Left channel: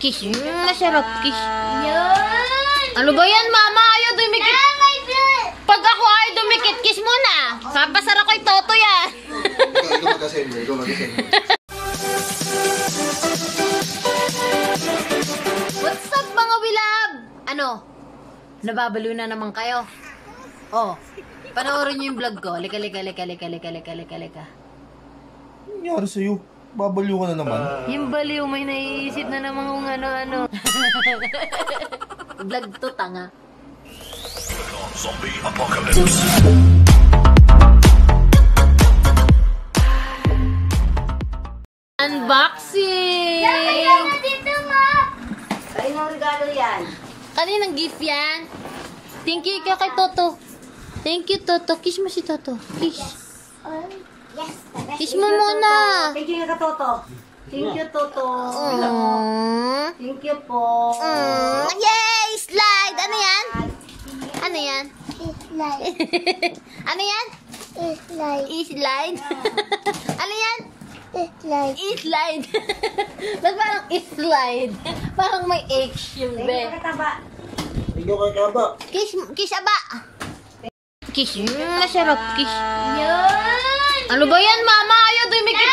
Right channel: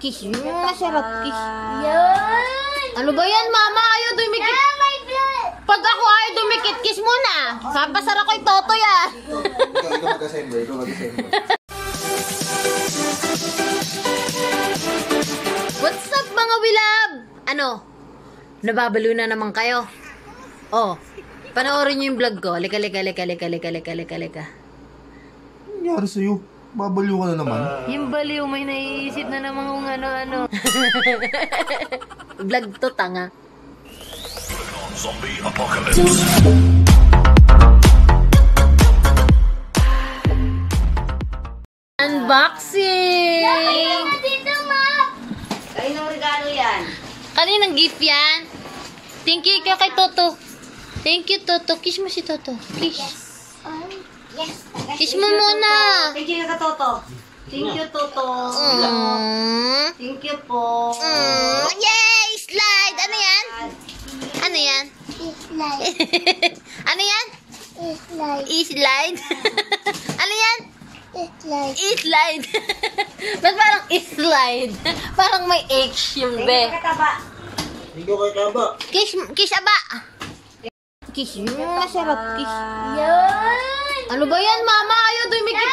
Kiss. Masarap kiss. Ano ba yan, mama? Ayaw dumikit. Pag ako ayaw dumikit, kiss mo na. Papasara ko yung toto yan. Ikaw mag-assemble. What's up, mga wilab? Ano? Nababalo na naman kayo? Oh, panoorin nyo yung vlog ko. Lika. Nangyari sa'yo? Babaliw ka na naman. Yung baliw, may naiisip na naman kung ano-ano. Vlog to, tanga. Zombie apocalypse. Unboxing! Kaninong regalo yan? Kaninang gift yan? Thank you kay Toto. Thank you, Toto. Kiss mo si Toto. Kiss. Kiss mo muna. Thank you ka, Toto. Thank you, Toto. Thank you po. Yay! Slide! Ano yan? Ano yan? Ano yan? Slide. Ano yan? Slide. Ba't parang slide? Parang may H yung Thank be. you, kataba. Ikaw kay Kaba. Kiss aba. Kiss. Masarap kiss. Ano ba yan, mama? Ayaw dumikit.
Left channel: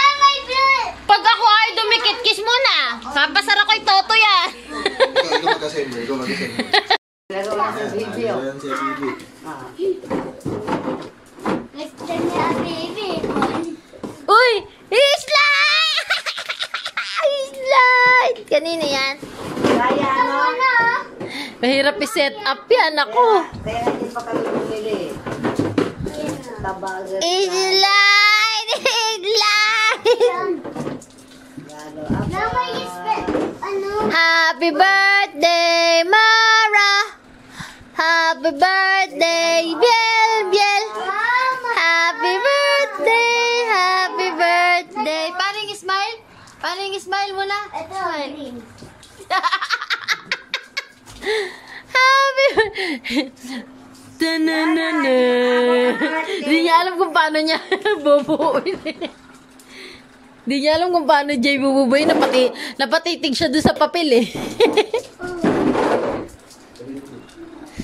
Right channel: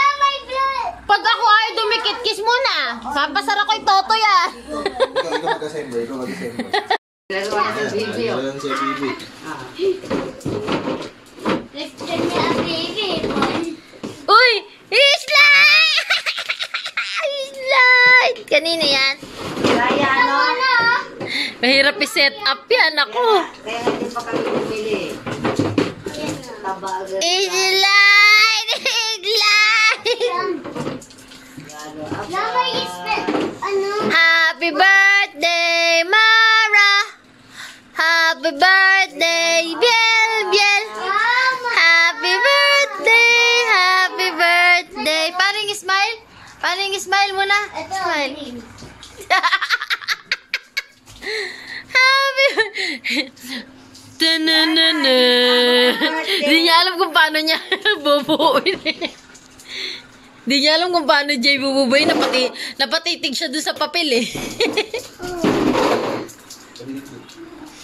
Pag ako ayaw dumikit, kiss mo na. Papasara ko yung toto yan. Ikaw mag-assemble. Nagawa na sa video. Ayan si Bibi. Uy! Slide! Slide! Kanina yan? Kaya ano? Mahirap i-set up yan ako. Kaya hindi pa kami bumili. Tabagan. Slide! Happy birthday, Mara! Happy birthday, Biel! Happy birthday! Paring smile? Paring smile muna? Smile. Happy birthday! Tananana! Hindi niya alam kung paano niya bubuuin. Hindi niya alam kung paano Jay bububuin. Napatitig siya doon sa papel eh.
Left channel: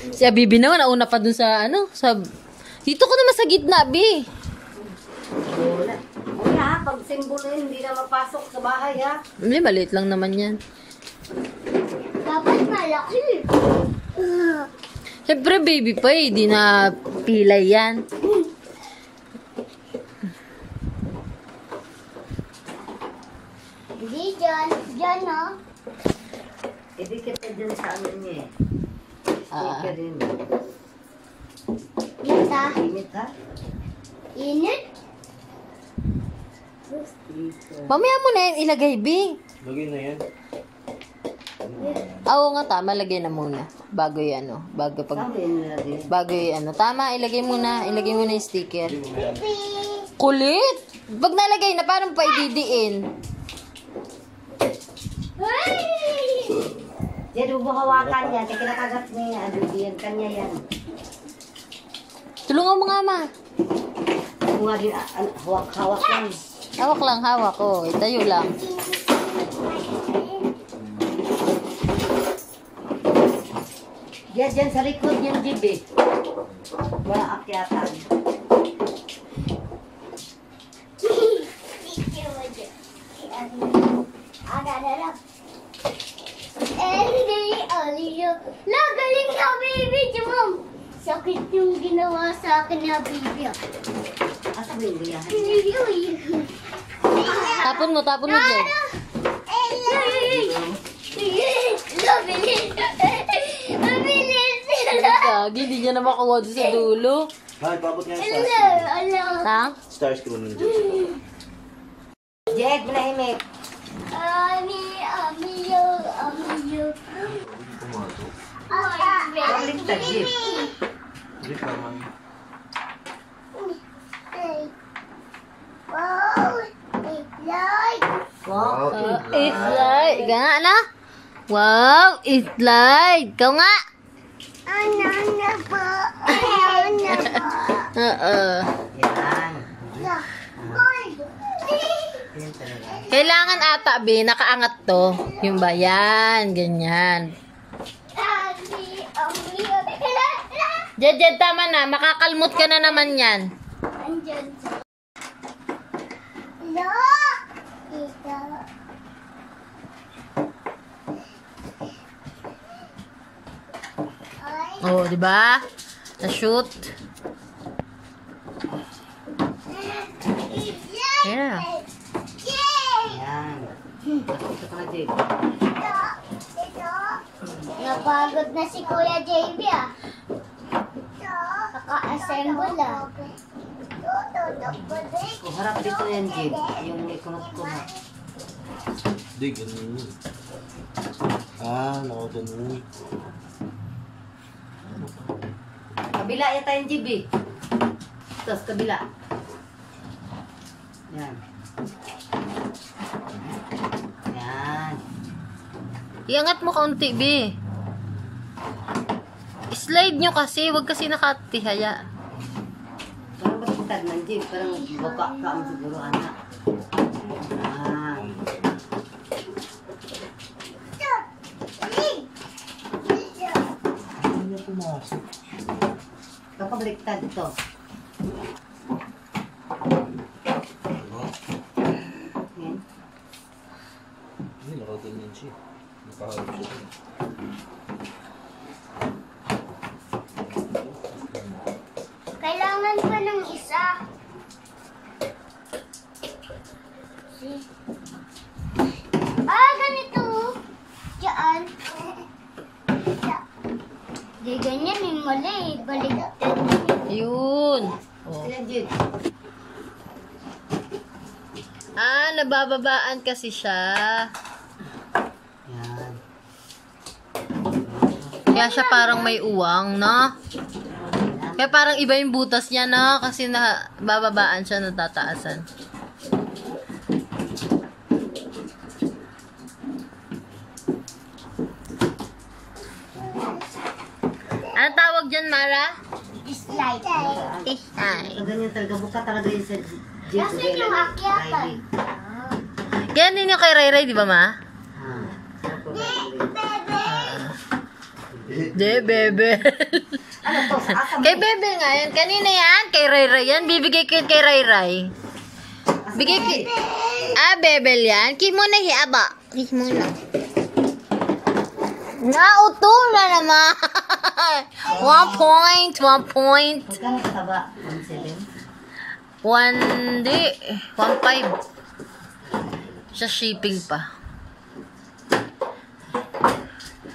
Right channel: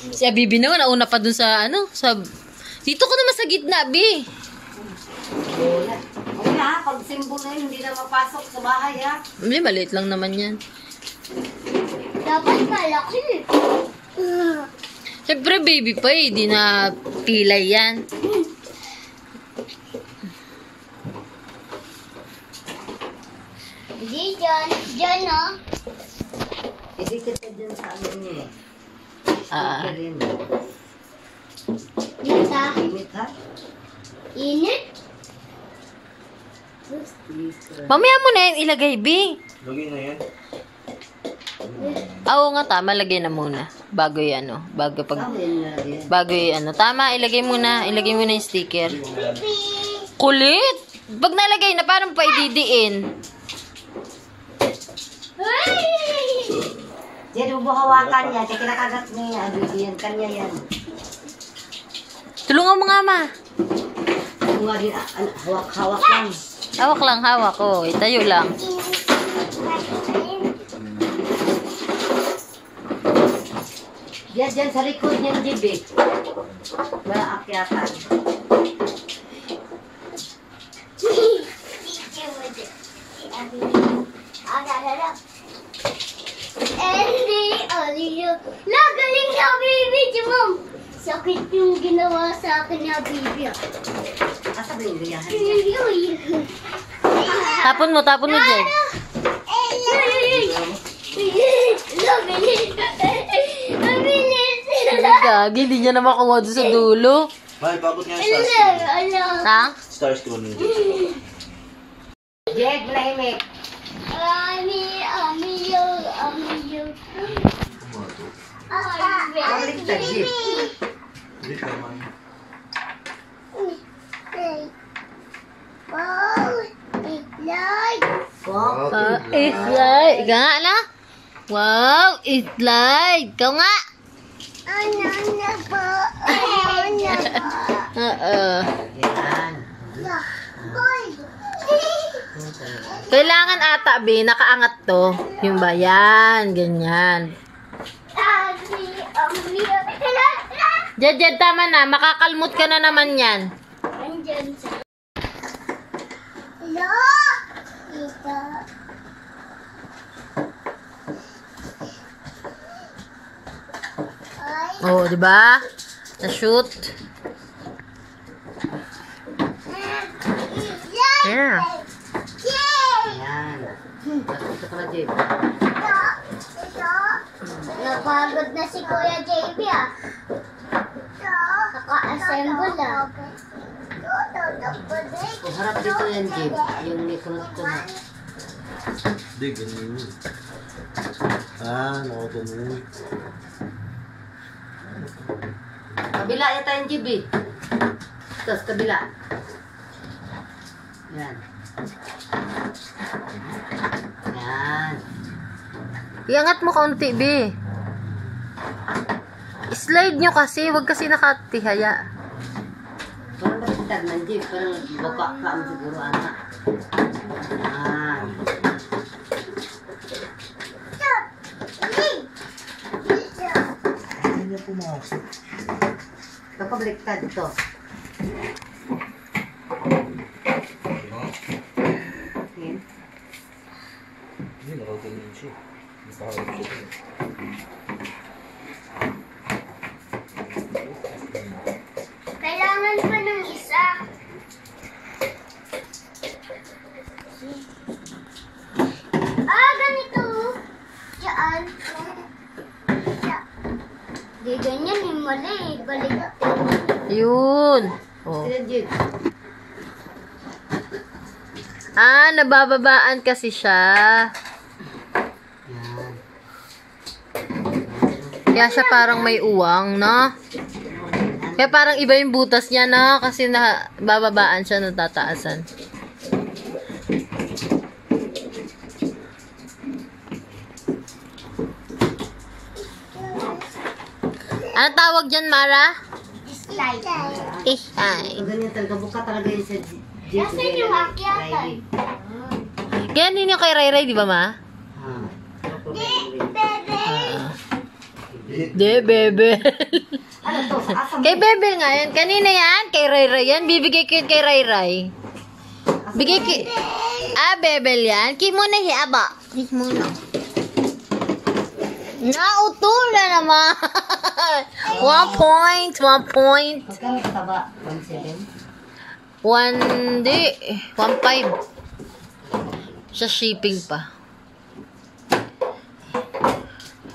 Si Abibi naman, nauna pa doon sa ano. Dito ko naman sa gitna, Bi. Wala, pag simbolo yun, hindi na mapasok sa bahay ha. Hindi, maliit lang naman yan. Dapat malaki. Siyempre, baby pa eh. Di na pilay yan. Hindi dyan oh. Idikit ka dyan sa ano niya eh. Sticker rin. Yan ha. Init ha? Init. Sticker. Mamaya mo na yan ilagay, Bi. Lagay na yan. Oo nga, tama. Lagay na muna. Bago yan, oh. Bago Sabi na rin. yung ano. Tama, ilagay mo na. Ilagay mo na yung sticker. Pipi. Kulit! Pag nalagay na, parang pa ididiin. Diyan, hawakan niya. Kaya kinakagat niya. Bibigyan kanya yan. Tulungan mo nga, ma. Kung nga din, hawak lang. Hawak lang, hawak. Oh, itayo lang. Diyan sa likod niyan, Jibi. Wala akyatan. Nagaling na baby, Jumam. Sakit yung ginawa sa akin ni Bibi. Asa ba yung gayahan? Tapon mo, Jay. Gagi, hindi niya na makuha doon sa dulo. Mahal, paabot nga yung stars. Ha? Stars ko nun dyan. Jeg, manahimik. Ulit ka, Jib. Hindi naman. Wow. Slide. Ika nga na. Wow, slide. Ikaw nga. Ano na po? Oo. Yan. Boy! Yan talaga. Kailangan ata, be, nakaangat to. Yung ba? Yan, ganyan. Jed, tama na. Makakalmot ka na naman yan. Andyan sa... No! Ito. Oh, di ba? Na-shoot. Yeah. Yan. Ito ka na, Jay. Napagod na si Kuya JB ah. Naka-assemble ah. Kung harap dito yan, Jay. Yung may kunot-kunot. Hindi, ganun yun. Ganun. Kabila yata yung Jay, eh. Tapos kabila. Yan. Yan. Iangat mo kaunti, be. Slide nyo kasi. Huwag kasi nakatihaya. Parang bakit man, Jay? Parang baka ka mo siguro, anak. Yan. Hindi niya pumasok. Baka baliktad ito. Yan. Hindi, nakaganyan siya. Nakaharap siya. Kailangan pa ng isa. Ganito. Diyan. Di ganyan yung mali. Baliktad. Yun. Oh. Yan, Jay. Nabababaan kasi siya. Yan. Kaya siya parang may uwang, no? Kaya parang iba yung butas niya, no? Kasi bababaan siya, natataasan. Ano tawag dyan, Mara? Dislike. Ay. Ganyan talaga. Buka talaga yun sa Jay. Kasi yung akyatan. Ganyan din yung kay Ray Ray, di ba, Ma? De, bebe. Ano to? Sa asam. Kay Bebel nga yan. Kanina yan. Kay Ray Ray yan. Bibigay ko yun kay Ray Ray. Bigay ko... Bebel yan. Ki muna hiaba. Ki muna. Nautol na naman. 1 point. 1 point. Magkano kataba? 1.7? 1, di. 1.5. Sa shipping pa.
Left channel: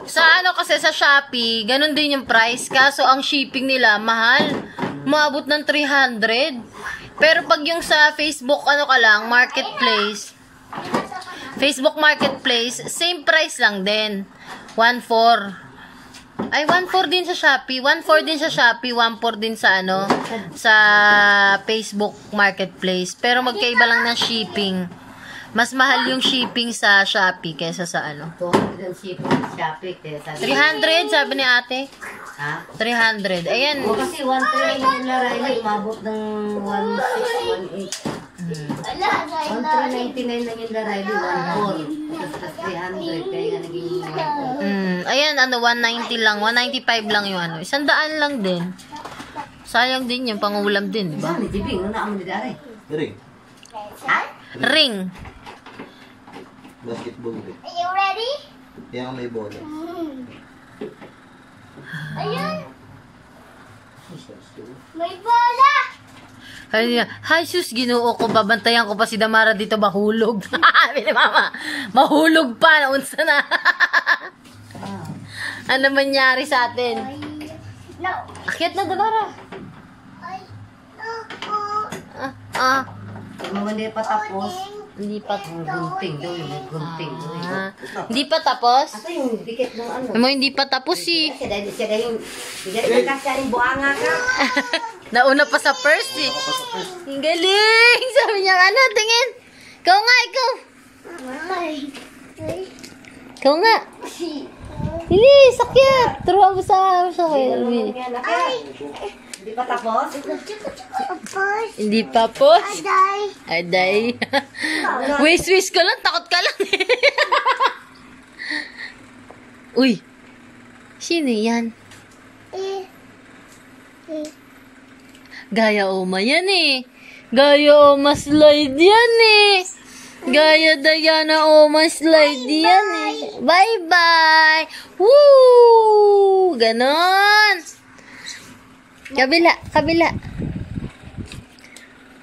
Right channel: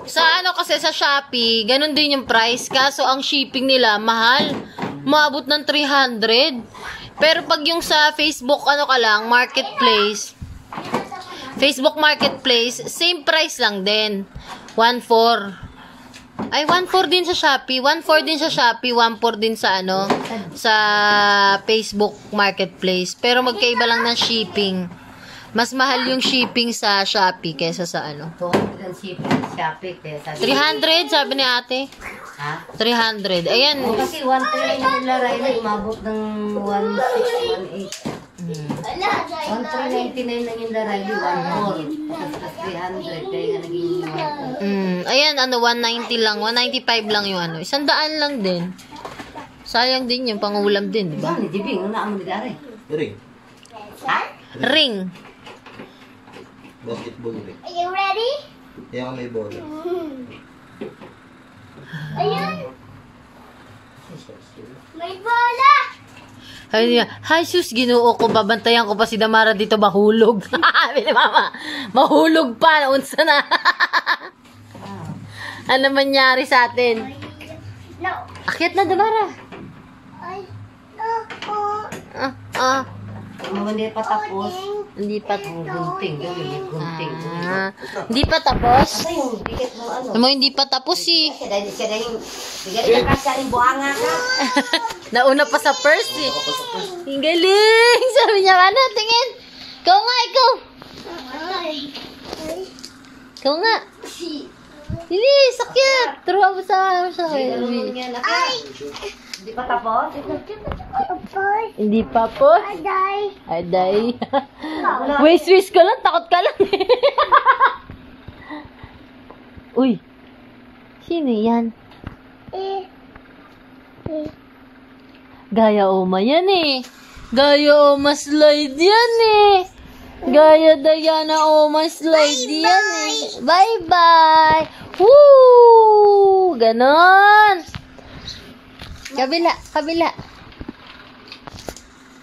Sa ano kasi sa Shopee, ganun din yung price. Kaso ang shipping nila, mahal. Maabot ng 300. Pero pag yung sa Facebook, ano ka lang, marketplace, Facebook marketplace, same price lang din. 1.4. Ay, 1.4 din sa Shopee. 1.4 din sa Shopee. 1.4 din sa ano, sa Facebook marketplace. Pero magkaiba lang ng shipping. Mas mahal yung shipping sa Shopee kaysa sa ano. 200 ang Shopee. Kaya sabi 300, sabi ni ate. ha? 300. Ayan. O kasi 1.3 lang yung laray na umabot ng 1.6, 1.8. 1.399 lang yung laray na 1.4. Tapos 300. Kaya nga naging 1.4. Ayan, ano, 190 lang. 195 lang yung ano. 100 lang din. Sayang din yung pangulam din, di ba? Ba? Ni Jibing, una mo ni Dari. Ring. Ring. Basketball ring. Are you ready? Yan ang may bola. Ayun. May bola. Ay niya, hi sus, ginoo ko, babantayan ko pa si Damara dito, mahulog. Sabi ni Mama, mahulog pa, naunsa na. Ano mangyari sa atin? No. Akyat na, Damara. Ay. No. Kung hindi pa tapos, Hindi pa. ang gunting daw yun. May gunting. Hindi pa tapos? Ano yung dikit ng ano? Mo hindi pa tapos eh. Siya dahil yung kasya yung buhanga ka. Nauna pa sa first eh. Ang galing! Sabi niya, ano, tingin. Ikaw nga, ikaw. Ay. Ay. Ikaw nga. Hindi, sakit. Turuan mo sa Ay! Di pa tapos? Tapos, Hindi pa po. aday. Aday. Wish ko lang. Takot ka lang. Uy. Sino yan? Gaya Oma yan eh. Gaya Oma slide yan eh. Gaya Diana Oma slide yan eh. Bye-bye. Woo! Ganon. Kabila, kabila.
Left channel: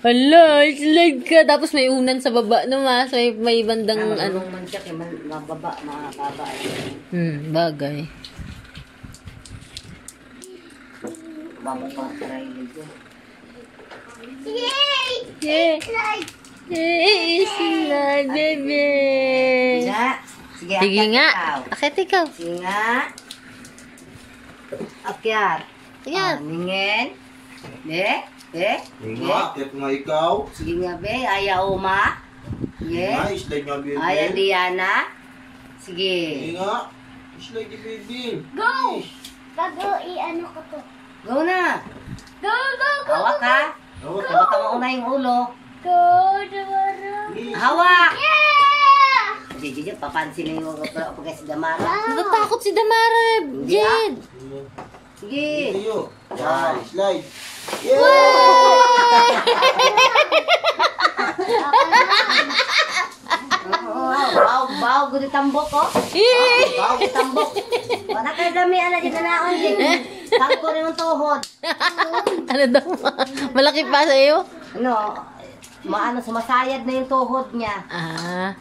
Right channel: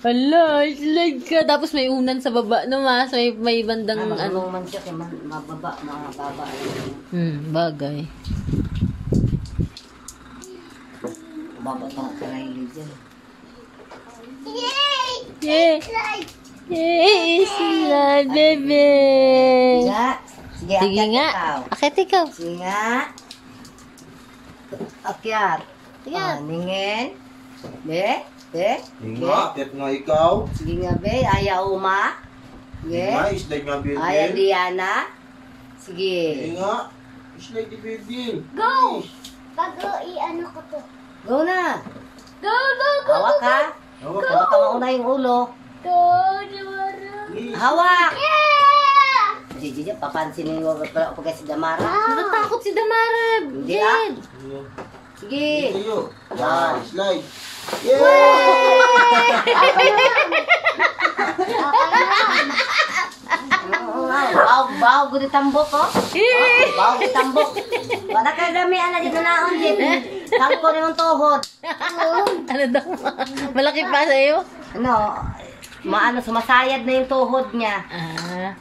Hala, slide ka. Tapos may unan sa baba no, mas. May bandang ano. man siya kaya mababa, mababa. Bagay. Baba pa, Riley dyan. Yay! Yeah. Slide. Hey, slide, bebe. Nga. Sige, Sige akyat nga. ikaw. Akit ikaw. Sige nga. Akyat. Ayan. Ningin. De. Hindi nga, kahit nga ikaw. Sige nga, be. Aya Uma. Hindi Sige. nga, slide nga Bill. Aya Diana. Hindi Sige. nga. Slide di Bill. Go! Bago i-ano ko to. Go na. Go, go, go, Hawak ka. Hawak ka. Hawak ka mauna yung ulo. go, Damara. Hawak. Yeah! Sige, papansin na yung pag si Damara. Natatakot si Damara. Hindi ah. Jed. Sige. Tayo. Yan, slide. Baw, gudi tambok ko. Baw, gudi tambok. Wala kayo dami, ala, dito na ako. Tangko na yung tuhod. Ano daw? Malaki pa sa'yo? No, maano, sumasayad na yung tuhod niya. Ah.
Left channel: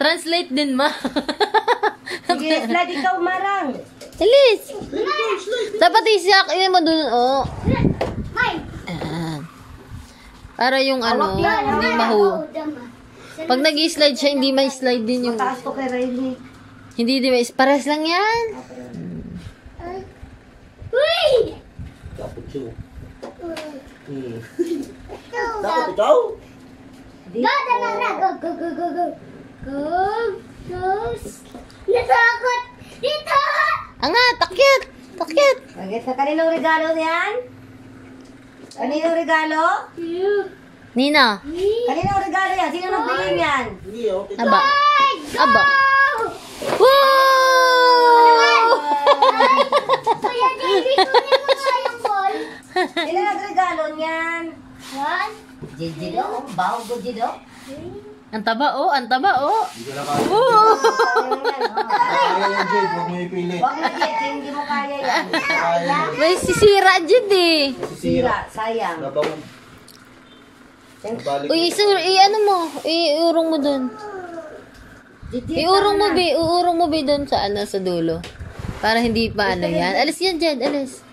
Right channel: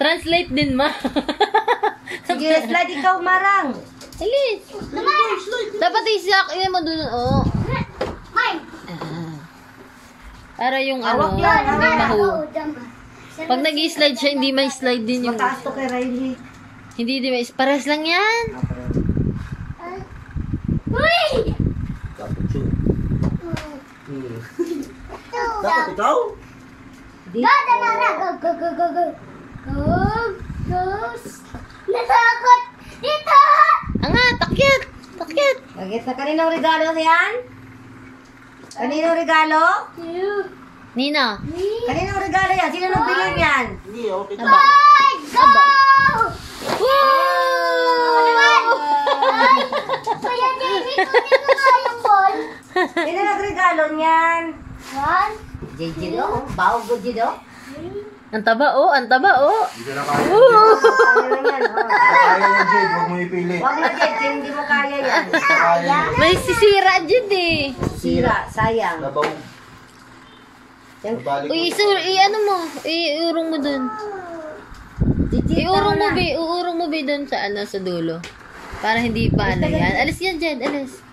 Translate din, ma. Sige, slide ikaw, Marang. Alis. Dapat isiyak. Iyan mo dun. Oh. Mine. Ayan. Para yung ano, Damara, hindi oh, mahu. Damara. Pag nag-slide siya, hindi may slide din yung... Mataas to kay Riley. Hindi din may... Pares lang yan. Uy! Dapat siya. Dapat ikaw? Go, Damara. Go, go, go, go, go. Go, go. Natakot. Dito! Angat, takyat. Takyat. Okay, sa kaninong regalo yan? Kaninong regalo? You. Nina. Me. Kaninong regalo yan? Sino nang bilhin yan? Hindi, okay. Aba. Go! Aba. Ay! Kuya JB, kunin mo nga yung ball. Sino nagregalo niyan? One. Jijido, bawo ko jido. Ang taba, oh. Ang taba, oh. Hindi ka na kaya. Kaya yan, ha? Kaya yan, Jade. Huwag mo ipilit. Wag na Jed, hindi mo kaya yan. Kaya yan. May sisira, Jid, eh. Sira, sayang. Labaw. Balik Uy, ano mo? Iurong mo dun. Iurong mo, be. Uurong mo, be, dun sa, sa dulo. Para hindi pa, yan. Alis yan, Jed. Alis.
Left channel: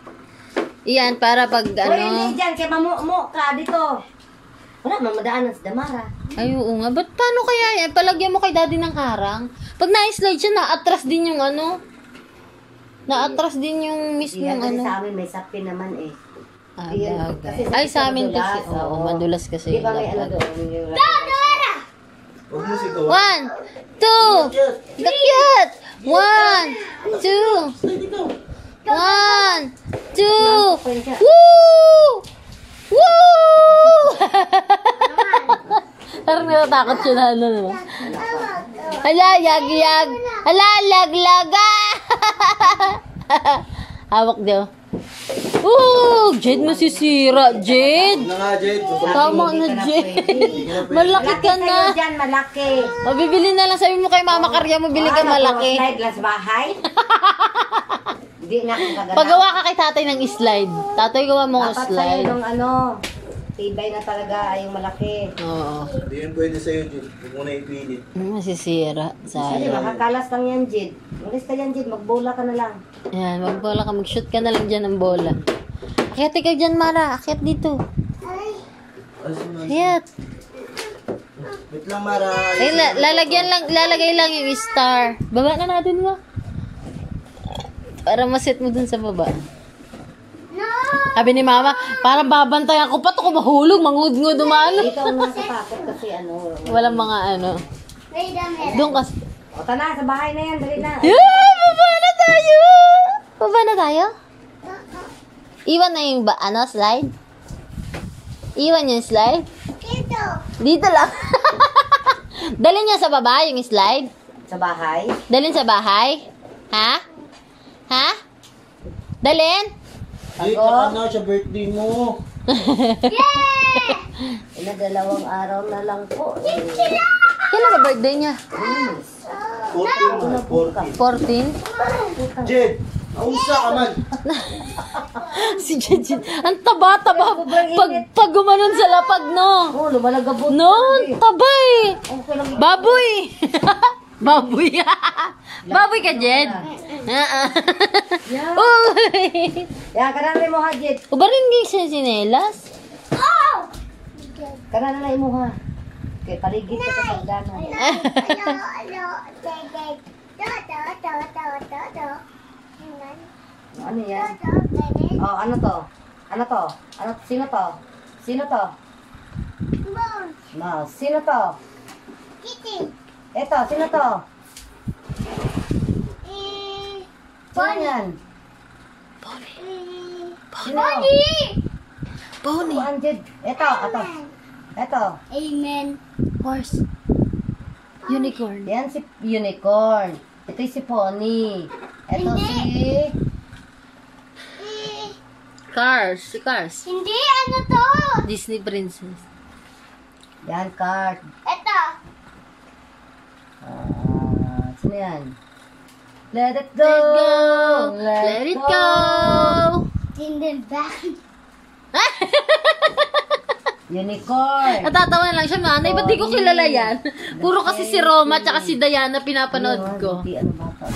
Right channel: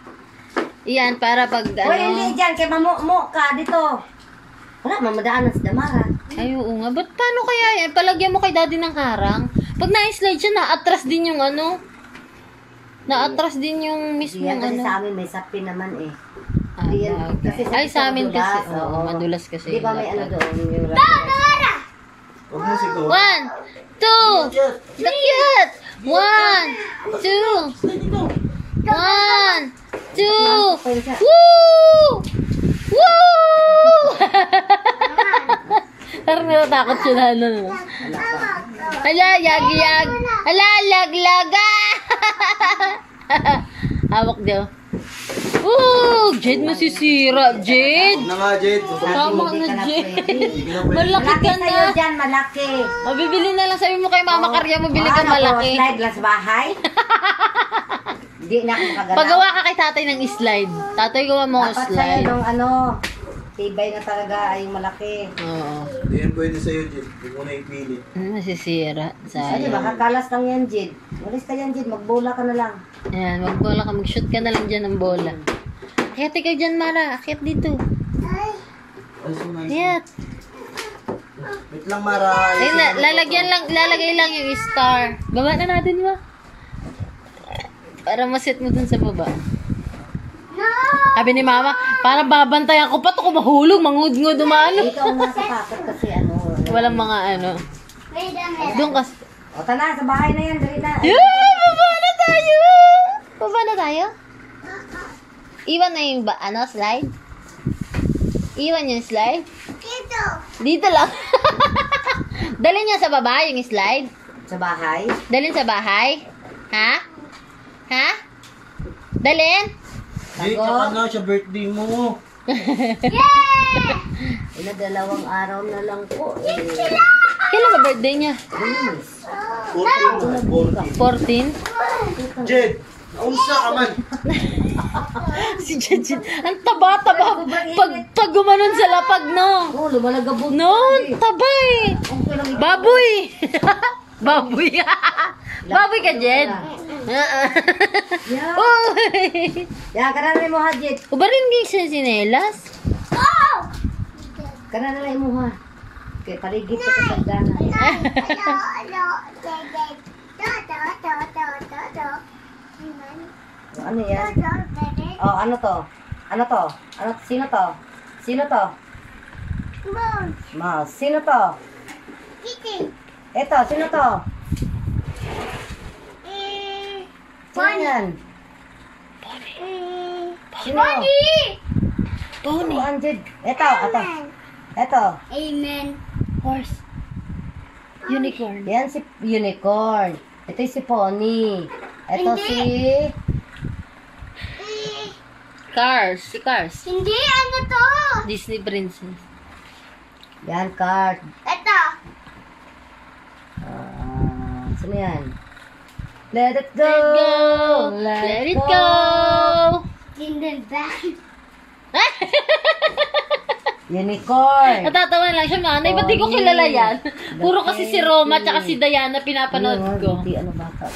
Iyan, para pag, Uy, hindi dyan, kaya mamu ka dito. Wala, mamadaanan sa Damara. Ay, oo nga. Ba't paano kaya yan? Palagyan mo kay daddy ng harang. Pag na-slide siya, na-atras din yung ano. Na-atras din yung mismo Yan, kasi ano. sa amin may sapin naman eh. Ah, Ayan, bagay. kasi Ay, sa amin madulas, kasi. Oo, madulas kasi. Di ba may ano dapat. doon? Yung Huwag mo siguro. 1, 2, takyat! 1, 2, 1, 2, woo! Woo! Parang natatakot siya na ano. Hala, yag-yag. Hala, lag-laga. Hawak daw. Ooh, Jed, masisira, Jed. Huwag na nga, Jade. Tama na, Jed. Malaki Malaki ka sa'yo na. dyan, malaki. O, bibili na lang. Sabi mo kay Mama Karya mo, bili ka malaki. Slide lang sa bahay. Hindi na akong kagalaw. Pagawa ka kay tatay ng slide. Tatay, gawa mo ng Dapat sa'yo slide. nung ano, tibay na talaga ay malaki. Oo. Hindi yan pwede sa'yo, Jade. Huwag mo na ipilit. Masisira. Ay, Sayang. makakalas lang yan, Jid. Malis ka yan, Jid. Magbola ka na lang. Ayan, magbola ka. Mag-shoot ka na lang dyan ng bola. Akyat ikaw dyan, Mara. Akyat dito. Ay, suman. Akyat. Wait lang, Mara. Ay, lalagay lang yung star. Baba na natin mo. Para maset mo dun sa baba. Sabi ni Mama, parang babantayan ko pa to kung mahulog, mangudngod, umano. Ikaw ang nasa takot kasi ano. Walang mga ano. May damit. Doon kasi. O, tana, sa bahay na yan. Dali na. Baba na tayo! Baba na tayo? Iwan na yung slide? Iwan yung slide? Dito. Dito lang. Dalhin niya sa baba yung slide? Sa bahay? Dalhin sa bahay? Ha? Ha? Dalhin? Jade, tsaka na siya birthday mo. Ina, 2 araw na lang po. Kailan ba birthday niya? 14. 14? Jade, naunsa ka man. Si Jejin. Ang taba-taba. Pag gumanon sa lapag, no? Oh, lumalagabot. No, tabay. Okay lang. Baboy. Baboy. Baboy ka, Jed. Yeah. Uy. Yan, kanana mo ha, Jed. Ubarin din siya sinelas. Kanana na mo ha. Kaya paligid ka sa sagdana. Ano yan? Oh, ano to? Ano to? Ano? Sino to? Sino to? Mouse. Sino to? Eto, sino to? Sino yan? Sino? Pony. Oh, Anjed. Eto, eto. Eto. Amen. Horse. Unicorn. Yan si Unicorn. Ito si Pony. Ito si... Cars. Si Cars. Hindi, ano to? Disney Princess. Yan, card. Ito. Sino yan? Let it go! Let it go. Tindahan. Unicorn! Natatawa lang siya, nanay. Ba't di ko kilala yan? Puro kasi si Roma at si Diana pinapanood ko. Hindi, ano bata?